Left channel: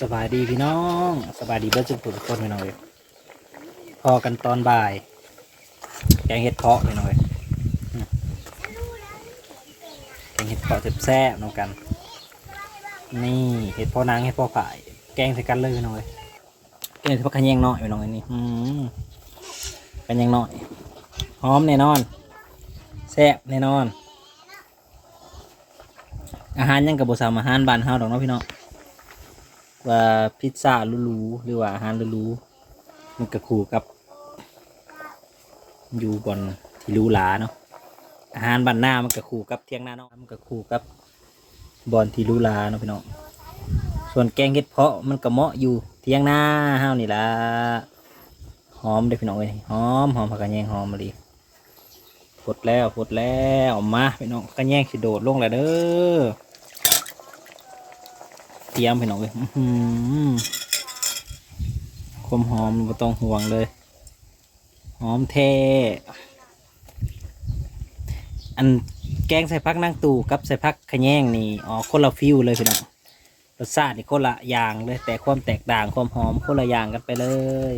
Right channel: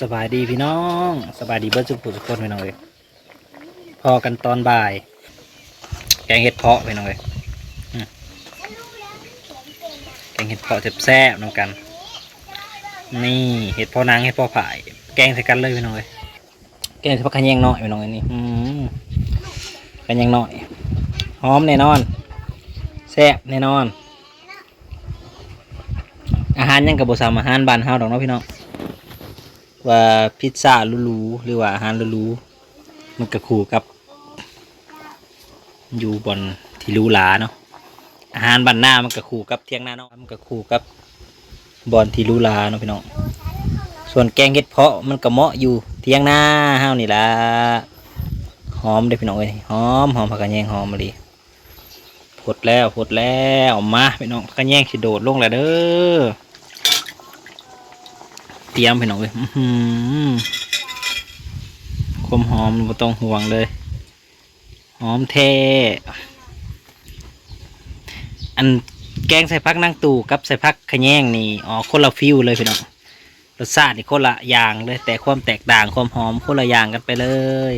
สบายดีพี่น้องสบายดีเบิร์ดสุขทุกคนพี่น้องเลยพอกันตอนบ่าย แกงเห็ดเพาะพี่น้องเลยแกงเห็ดเพาะแซ่บๆน้องกัน นี่เห็ดเพาะนางเห็ดเพาะผาย แกงใส่กันเลยพี่น้องเลยแกงใส่ผักขยงน้อยพี่น้องเลยนี่อืมขะแยงน้อยหอมแน่นอนแซ่บแน่นอน อาหารยังกับบสามอาหารบ้านเฮาดอกเนาะพี่น้อง ว่าพิซซ่าหรูๆหรือว่าอาหารหรูๆมันก็คู่กับ อยู่บนที่หรูหราเนาะอาหารบ้านหน้ามันก็คู่กับเที่ยงหน้าเนาะมันก็คู่กับบอนที่หรูหราเนาะพี่น้องส่วนแกงเห็ดเพาะมันก็เหมาะอยู่เที่ยงหน้าเฮาวนี่ละหอมเด้พี่น้องเอ้ยหอมหอมผักกระแยงหอมมาดีพดแล้วพดแล้วมาพี่น้องผักกระแยงสิโดดลงแล้วเด้อ เตรียมไปหน่อยเว้ยหอความหอมไม่ต้องห่วงเลย หอมเทอันแกงใส่พักนั่งตู่กับใส่พักขะแยงนี่อ๋อคนละฟิวเลยพี่น้องรสชาตินี่คนละอย่างเลย แต่ความแตกต่างความหอมคนละอย่างกันไปเลย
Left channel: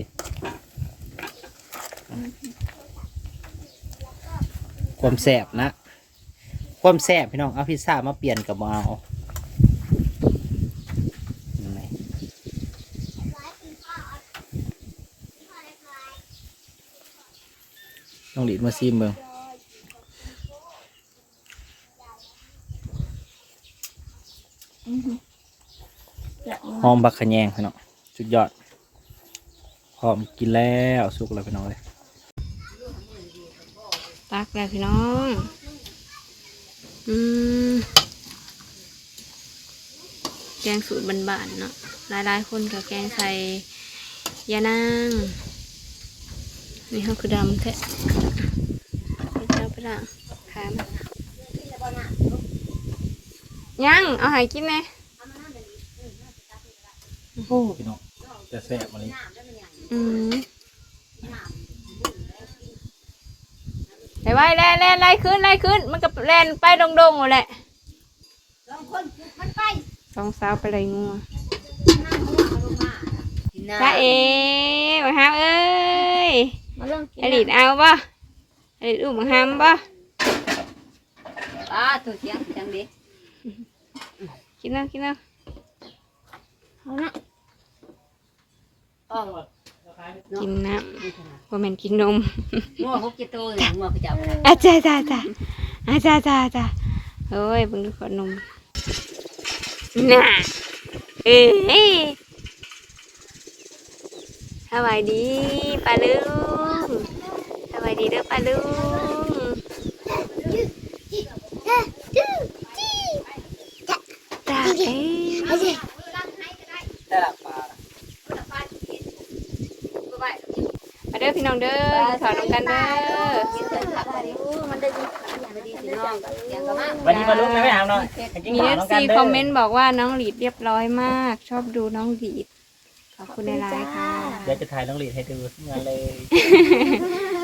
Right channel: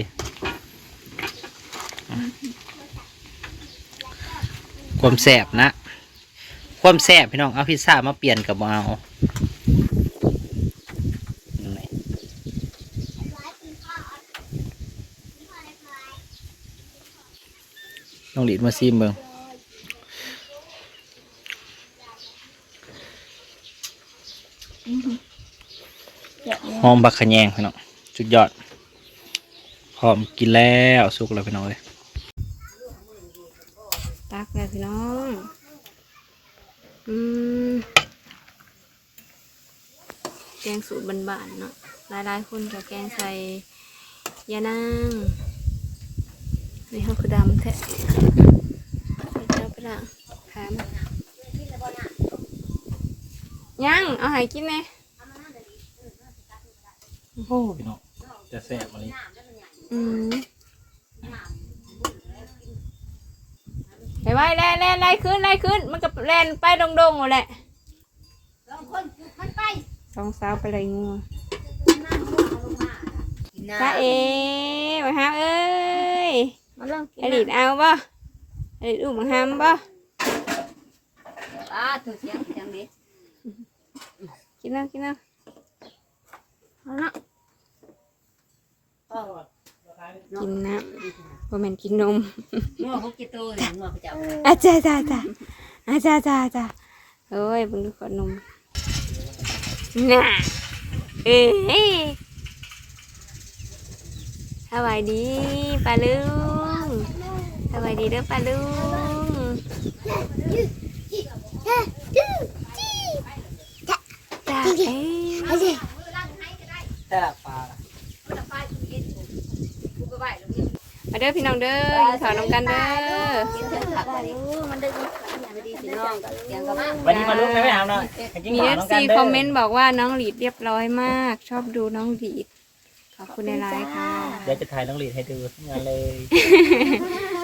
ความแสบนะ ความแสบพี่น้องเอาพิซซ่ามาเปลี่ยนกับเอา ไหน ลองหลีดมาซิมเบิงหอมบักขะแยงพี่น้องจุดยอดหอมกินแล้วสุกแล้วพี่น้องเลยตักแล้วพี่น้อง อืมแกงสูตรบานๆเนาะหลายๆคนก็แกงใส่ยานาง นี่เขาคือดำแท้เจ้าไปละขามนยังเอาใหายกินไหมโอ้พี่น้องจะแซ่บมาเลยอืมไปไว้แล่นแล่นไล่ขึ้นไล่ขึ้น มันก็แล่นไปดงๆหมดแหละสองสาวไปเลยงัวจ้าเอ๋มาหามเอ้ย มาลองกินอดีตเอาป่ะอดีตอุ้มมาหามป่ะป้าตัวเทียงจังดิกินแล้วกินแล้วเอาเนาะอ๋อกินน้ำว่าแม่นกินนมงัวพกจิโตเนี่ยงัวไปจับอาจ้าจ้าจ้าอาจ้าจ้าจ้าเฮ้ยเบิ่งดูขอนมน่ะเอ้ยสวัสดีป้าลุง สวัสดีเด้อป้าลุงจ้าเอ้ยมาเด้อพี่น้องเด้อกินข้าวน้ำกันเด้อมันได้ดีมันดีสิน้องเสียงก็มาวันนี้มาลุ้นเลยไหมครับน้องกินมีข้าเอวฟน้องกัซีนเด้คอมเมนต์บอกว่าน้องหลีดเรียบร้อยมาก ชอบดูน้องหลีดขอบคุณในไลน์ค่ะ เดี๋ยวจะถ่ายน้องหลีดให้ดูงานเลย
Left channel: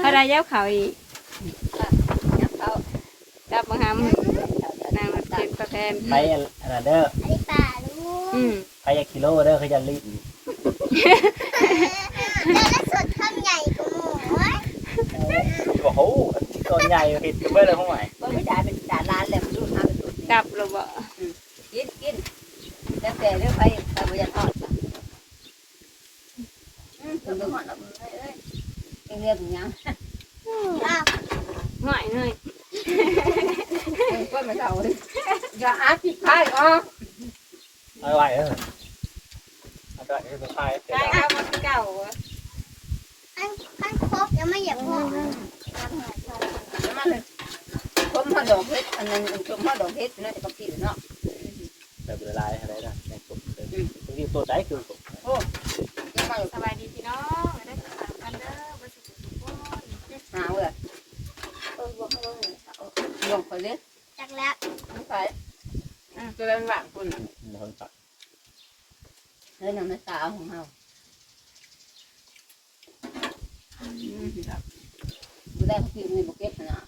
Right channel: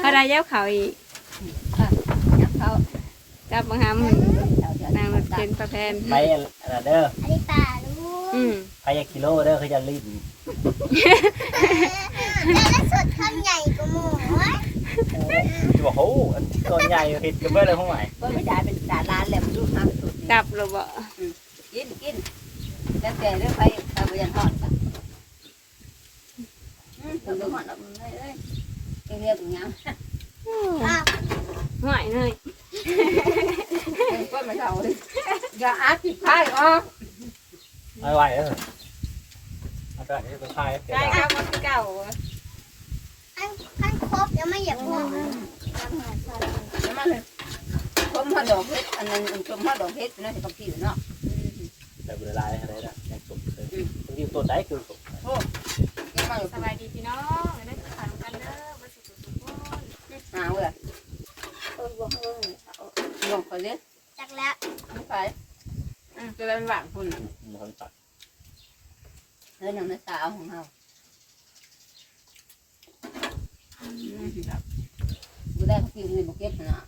พระรายเย้าเขาอีกจับเขาจับบังคับนางรถเข็นประแพนไปอะไรเด้ออืมไปอยากกิโลเด้อคือจะรีบบอกโอ้ตัวใหญ่ผิดกันเบ้อเลยห้องไหนก็ไม่ได้เป็นด่าร้านแล้วดูมาเป็นสุดจับหรือเปล่ากินกินแล้วแต่เรื่องไปไปบริยานทอดผมดูก่อนแล้วเอ้ยเอ้ยเรียกอย่าง หน่อยหน่อย ก็ไม่เอา อย่าอาผิดพลาดอ๋อไม่ไหวเออมันก็ไอ้ตัวคายเดี๋ยวการทำเก่ามันครบยังไม่เหยียบหัวมันเลยผมมาดอกเพชรอันนั้นผมมาดอกเพชรนั่นก็ผิดเนาะแต่เวลาอะไรนะยังสุกเลยคือตัวไหนคือสุกยังมาสบายดีพี่น้องได้ทานกันเด้อบ่สุขสุขคนหาเว้ยเออบอกเลยลงไปเลยจากแล้ว ไม่ไป จะเป็นหวานคุณมันคนตัดเฮ้ยน้ำในตาของเราดูได้เขากินในบุกเก็ตนะ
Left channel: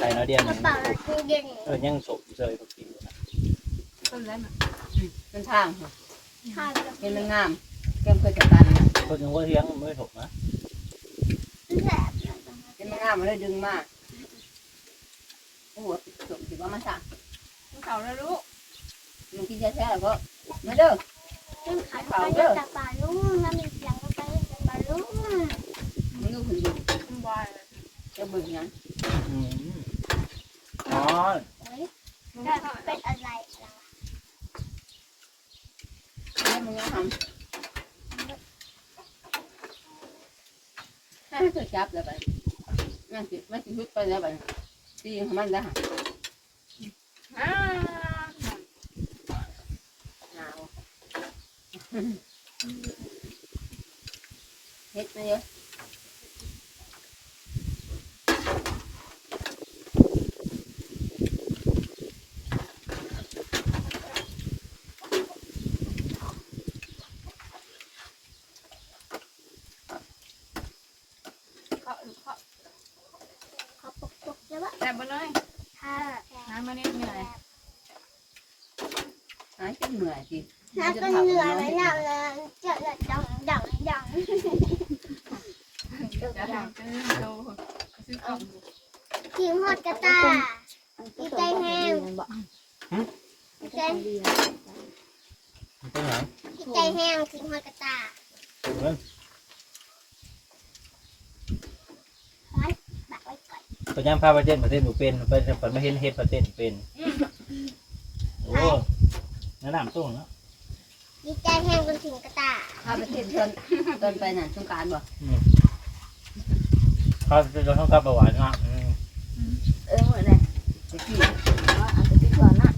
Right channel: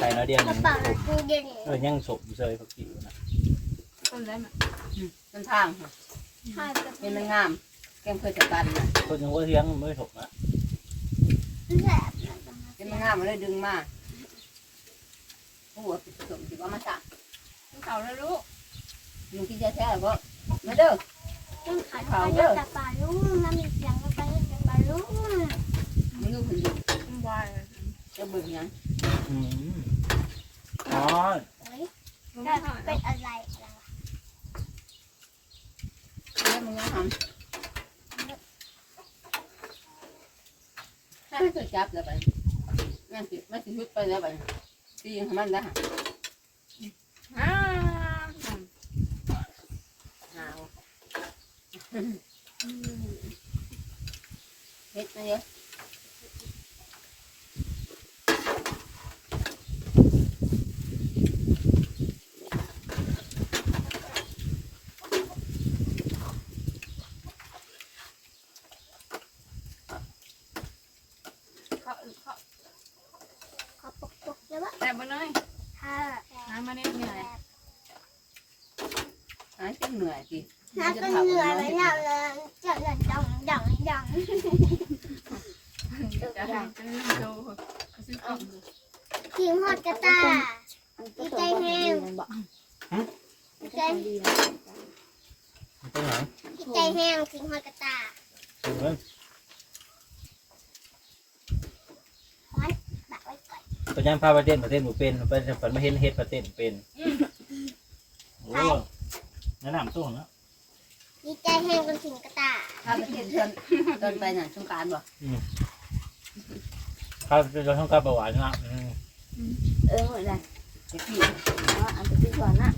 ใส่น้อยเดียวกมัระนเป๋าคือเด่นเออยังสุกเฉยเขากิวนะต้นได้ไหมเป็นทางทอดเห็นมันงามแก้มเคยจัดการนะคนยังว่าเลี้ยงไม่ถูกนะแหลบเห็นมันงามมันเลยดึงมาโอ้โหปิดสมถือว่ามาสั่งมันเขาแล้วลูกมันที่จะแท้แล้วก็มาเด้อมันขัดไปกับปลาลูกน้ำมีเสียงก็ไปปลาลูกมันลูกคนดูจะเบิ่งยังอืมอ๋อแต่เป็นอะไรแล้วมันยังทำให้มันจับแล้วไปมันสิมันสิหุดไปแล้วไปตีของมันแล้วฮ่าหาว เฮ็ดมาเยอะขอปกปกเลยว่าแต่บ่เลยถ้าหามาเนี่ยเหนื่อยหายจนเหนื่อยสิถ้าก็เหนื่อยแล้วเนี่ยจะเหนื่อยดังดังดัง จะหาซื้อโตซื้อของกินฮอดกระตาดีใจแห้งดีใจมันเป็นดีใจแห้งกินฮอดกระตายบักไว้ก่อนตัวย่างพาประเทศประเทศหนูเป็นไปฝันมาเห็นเฮ็ดประเทศเป็นโอ้แนะนำตู้เนาะดีใจแห้งจนถึงกระตาถ้าไปเที่ยวเชิญตอนไปน่ะสงการบ่ พาจะต้องกลับประวัตินะอืมเออเหมือนไรตะกี้อ๋ออันตะกี้ก่อนนะ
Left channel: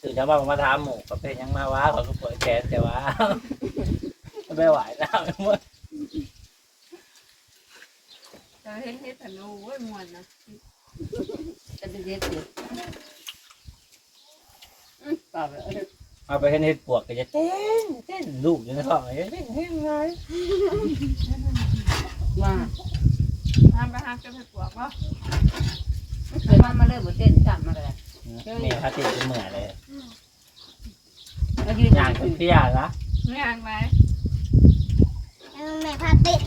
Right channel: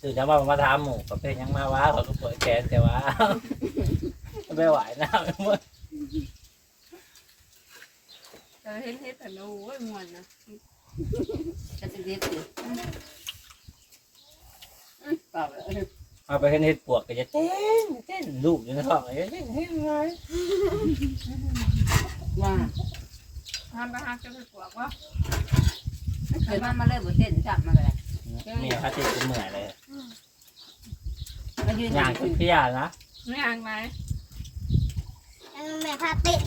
ตื่นเช้ามามาถามหมูประเภทยังมาว้าเขาก็เปิดแขนแต่ว่าไม่ไหวนะหมดเจอเห็นเห็ดแต่โอ้ยมวนนะจะเป็นเด็กอยู่อืมป่าไปเออ เอาไปเห็นเฮ็ดปวกก็จะเต้นเต้นลูกอยู่ในท้องเต้นเต้นไงว่าห้าไปหาเก็บเห็ดปวกว่าเดี๋ยวมันมาเริ่มบ่เต้นจับมาเลยมีพาติเป็นเหมื่อยเลยมายืนย่างขึ้นเตี้ยนะไม่ห่างไหมแม่พาเต้น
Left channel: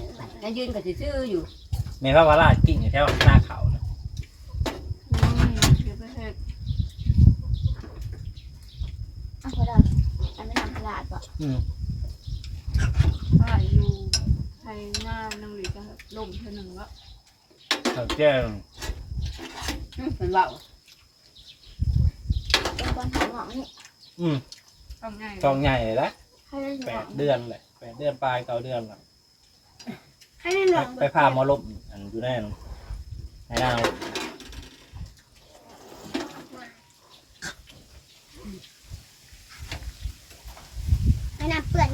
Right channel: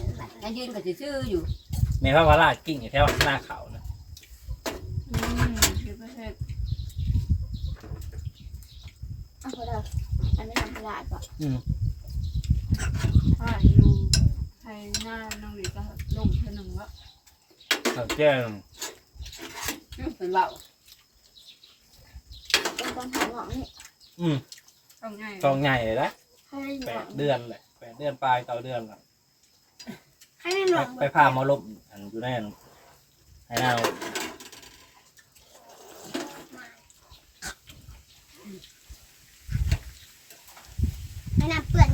มายืนกับซื่ออยู่มีพระวราชกิ่งอยู่แถวหน้าเขานะ อืมเก็บไปเห็ด อะพอเราอันไม่ทำตลาดก่อนอืมถ้าอยู่ไทยงามน้องหลีก็ล่มเท่านึงวะเขาแจ้งอืมเป็นเบาเป็นตอนของหงนี่อืมต้องไงกองใหญ่เลยนะให้ได้หแปนอดงเดือนเลยแปดเดือนปลายเก้าเดือนละให้ได้หนไปองไปพาหมาลบอันอยู่แน่นให้น่า ให้น้ำเปื่อน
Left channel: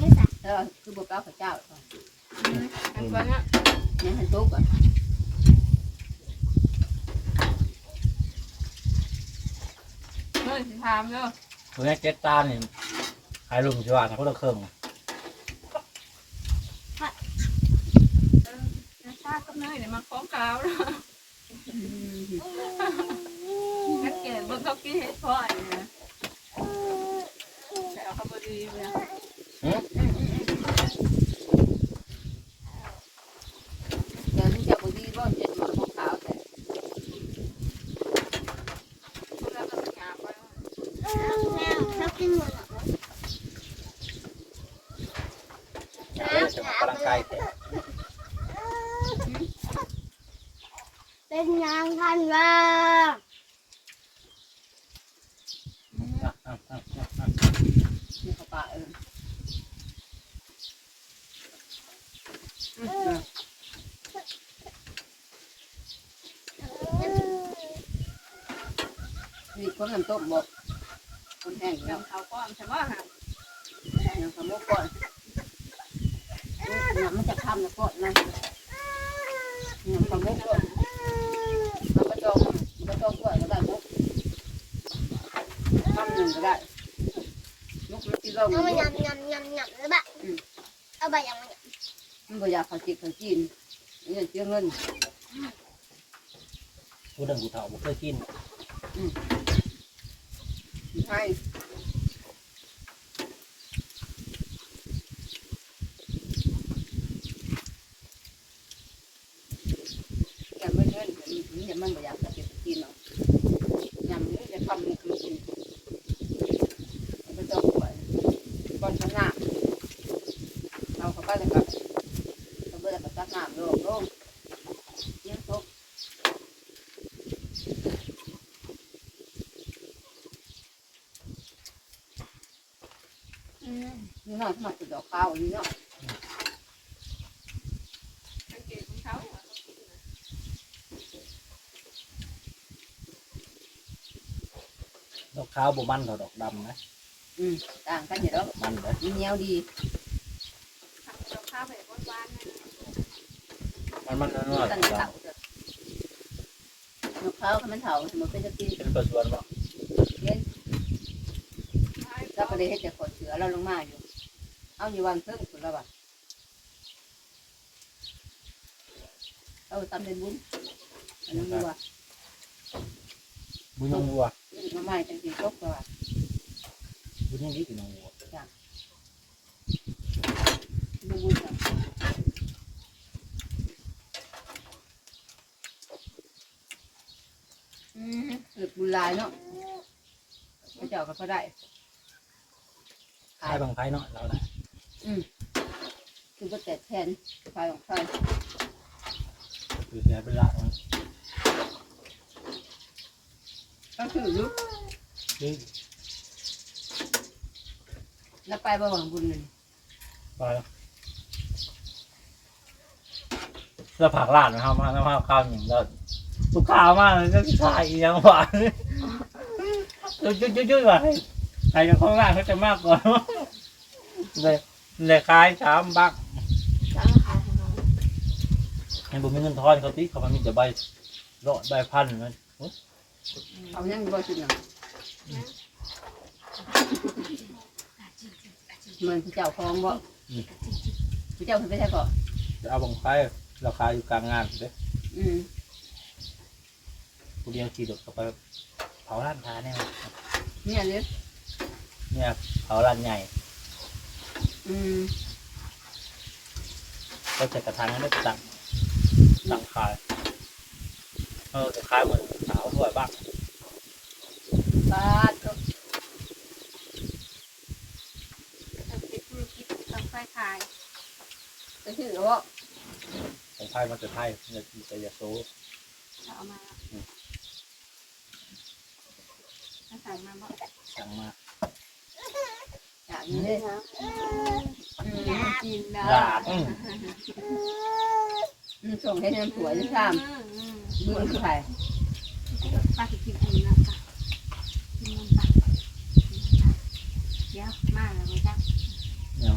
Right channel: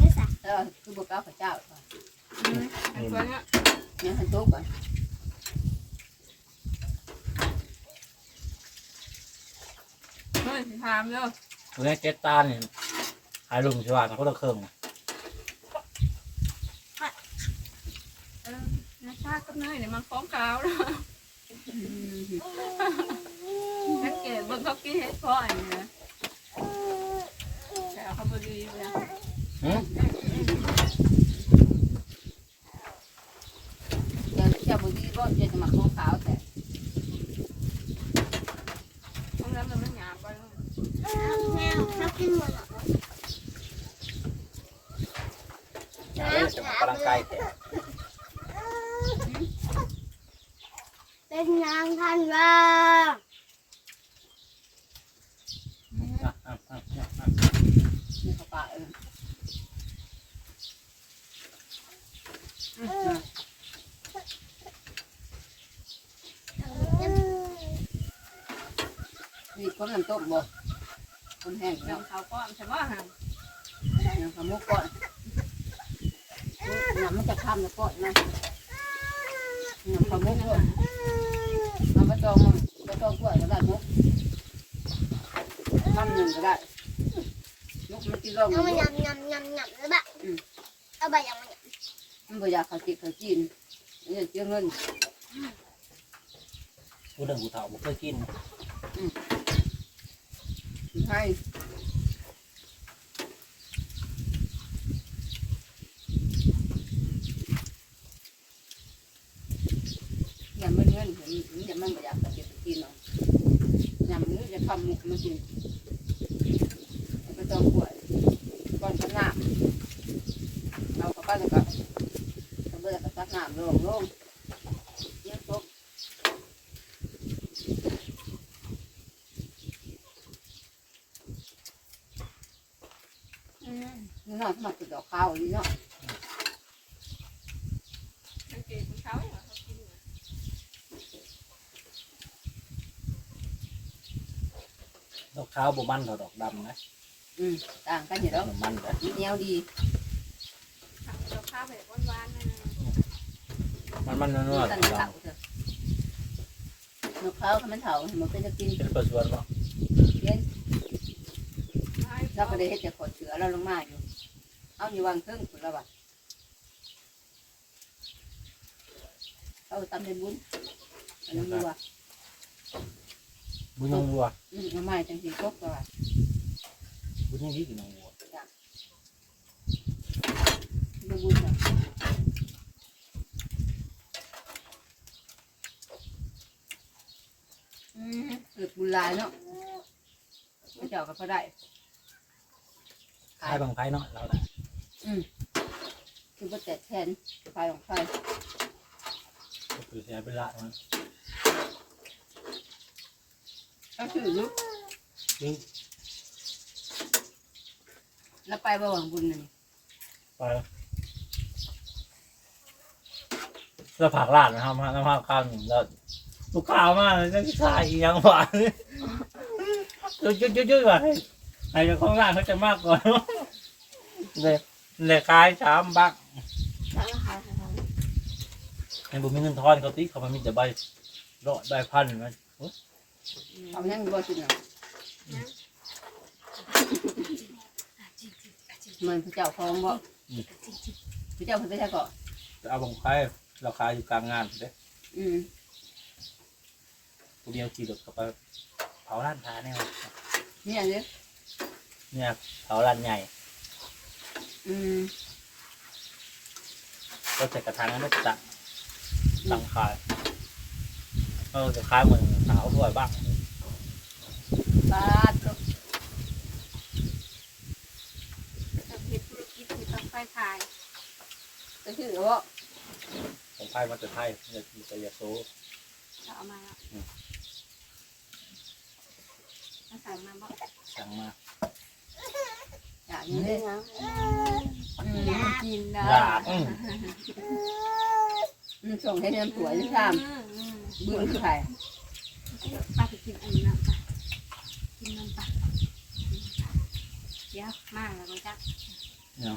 คือบุกเก้าพระเจ้าอืมไอ้ตัวเนี้ยเนี่ยให้ตุ๊กก่อนเฮ้ยถามเด้อตัวนี้เจ็ดตาเนี่ยขายลุงชิวานเขาต้องเครื่องเออในฟาดกับเนยเนี่ยมันฟ้องกาวแล้วอืมนักเก็บเบิ่งเขากินเห็ดพาะอันนี้นะแต่เอาเขาบดีเลยเดี๋ยวที่จะบุดีร่อนจะมาขาวแต่ แล้วมันหยาบไป เรากินหมดหรอ จะมาพลังกายแต่เป็นนางพันว่า นี่เขาป่าเออนี่ก็น้ำต้มบ่คนแห้งแล้วเขาก้อนใช่ไหมฮะยังขโมกก่อนเนี่ยมันจะทำแล้วก่อนนะเนี่ยขโมกก่อนมันก็จองมันก็จองกล้วยก็ได้มุกทำหนึ่งก็ได้มุกมันตีร่องเอามัมานยำยำยำยำแล้วแบบเอาไปยำมันมันบ่อยากเขาจิกเขาจีนนี่เสียเงินกูดังกูเถาบุเคยกินให้ มันบ่อยากจะเก็บกินเนาะยำนี่จะทำมันกินไปต้องป่วยก่อนจะน้ำเอาเข้าไปเลยครับเอาเบื่อกับซักน้ำลงลงเยี่ยมตกอืม นี่เนาะสมัครจุดดอกข้าวนี่เนาะดอกขาวบ่มันเท่าดอกดำนะอืมต่างกันอยู่แล้วบ่มันเด้อมันเหนียวดีมันมันนัวๆกันดเต่าเถอะมะพร้าวเขามันเถามันเป็นจะกินเป็นตัวชวนบ่เราก็เลยเห็ดแต่ขอเสือเราลงมาอยู่ เอาอยู่วางเครื่องคุณแล้วบ่ะเอาตำในบุญอันนั้นดูว่าบุญยังวัวอืมมาใหม่จังสีตกก็ว่าบุญยังดีกินน้องวัวดูบุญค่ะอืมเกิดบุญหลายเนาะพระเจ้าก็พอได้ขายบาง ไผเนาะเราน่ะคือก็แต่แทนไฟของไฟคือเสียไปละมันต้องถือยุบนี่แล้วไปบ่หวังบุญนั่นไปแล้วผักลาดนะครับมาแล้วข้าวหนึ่งแล้วลูกค้ามากเลยจะขายอีหยังหวานจุ๊ยจุ๊ยจุ๊ยจุ๊ยว่ะใครจะข้างล่างเขาจะมากกว่าเลย เลยขายสามบักจ้าราคาเท่าไหร่ให้บุญมีเงินทอนเขาตีเขามามีแต่ใบรอดใบพันมันเอายังบ่สิเนาะมันพระเจ้าคลองบ่พระเจ้าเพิ่นไปใช่ก่อนจะเอาบางไฟราคาอยู่กลางงานเด้อืมผู้เดียวขี่รถก็ไปเผาร้านค้าเนี่ยเนี่ยเด้อเนี่ยเผาร้านใหญ่ อืมก็จะกระทางนั้นได้ตั้งตั้งขายเออจะขายเหมือนสาวด้วยบ้างบาดก็เราคิดธุรกิจทำไฟขายไปถือว่าของไทยมันจะไทยเนี่ยจะยาโซจะเอามาถ้าใส่มาบอกสั่งมาอย่างนี้เด้ ออืมกินเด้ดาบอืมอืมส่งให้น้ำสวยที่ซ้ำบุญคือใครป้าจะกินอันนี้นะป้ากินน้ำปลาเดี๋ยวมากเลยจ้ะเนี่ย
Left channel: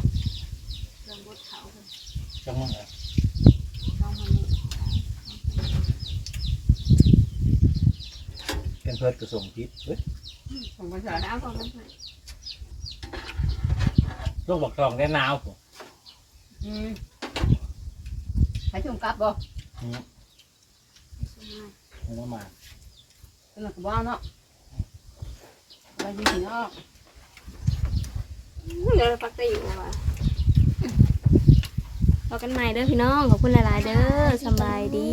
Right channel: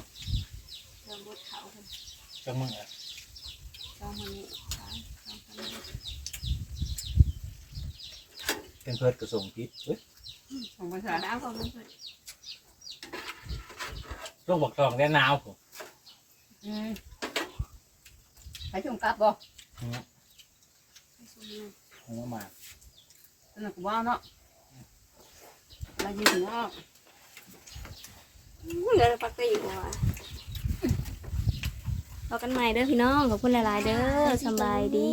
เริ่มบดเขาคนจังมึงอะลองมันนี่สามสองเป็นเพื่อนกระส่งทิศเฮ้ยของภาษาสามของมันเพื่อ นโรคบอกทองได้หนาวผมอืมให้ชมกลับบ่อืมไปส่งมามึงมาสนุกบ่เนาะอะไรดีเนาะอู้เดี๋ยวเราพักได้อยู่อะพอกันใหม่เด้อพี่น้องขอบคุณหลาย ๆ เด้อสำบายดี